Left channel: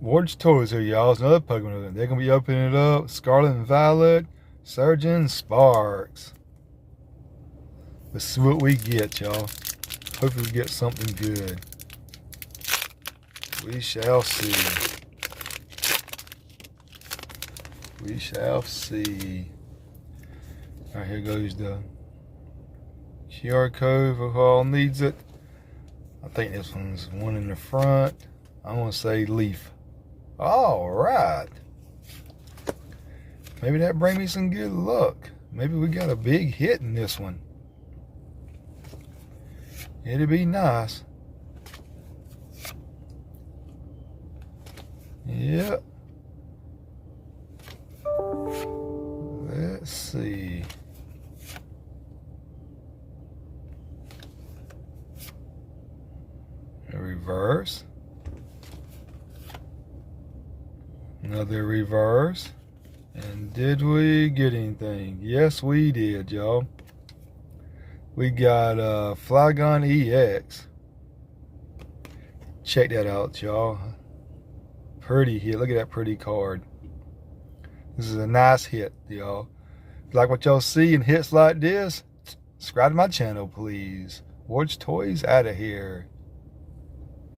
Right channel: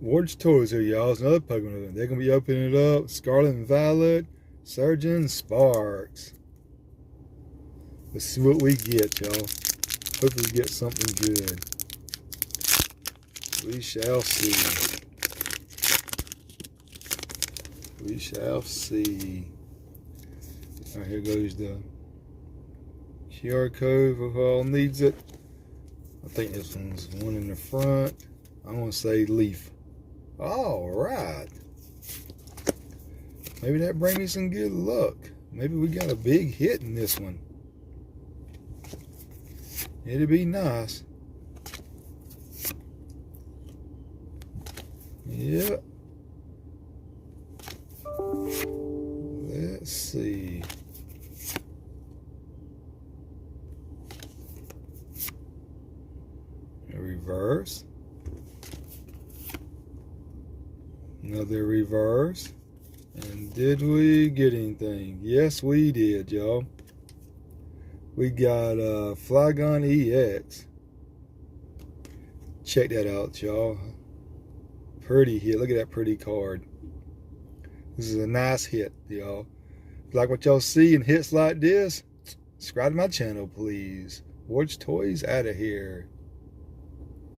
Ward's Toys here, y'all. It's another Pokemon. They're going to be opening it up. Scarlet and Violet, Surgeon, Sparks. Let's see what we get, y'all. Hopefully we get something good. We shall see. We shall see. Alright, here goes the QR code for who all needs it. I think this one's one in the front. I'm going to say Leaf. All right. Maybe that brings me some good luck. Maybe we got a big hit in this one. It'd be nice. Yep. Let's see. A reverse. Another reverse. And did we get anything? Yes, we did, y'all. We got Flygon EX. Check that out, y'all. Pretty hit. Look at that pretty card. This is a nice hit, y'all. If you like what y'all see in hits like this, subscribe to my channel, please. Ward's Toys out of here.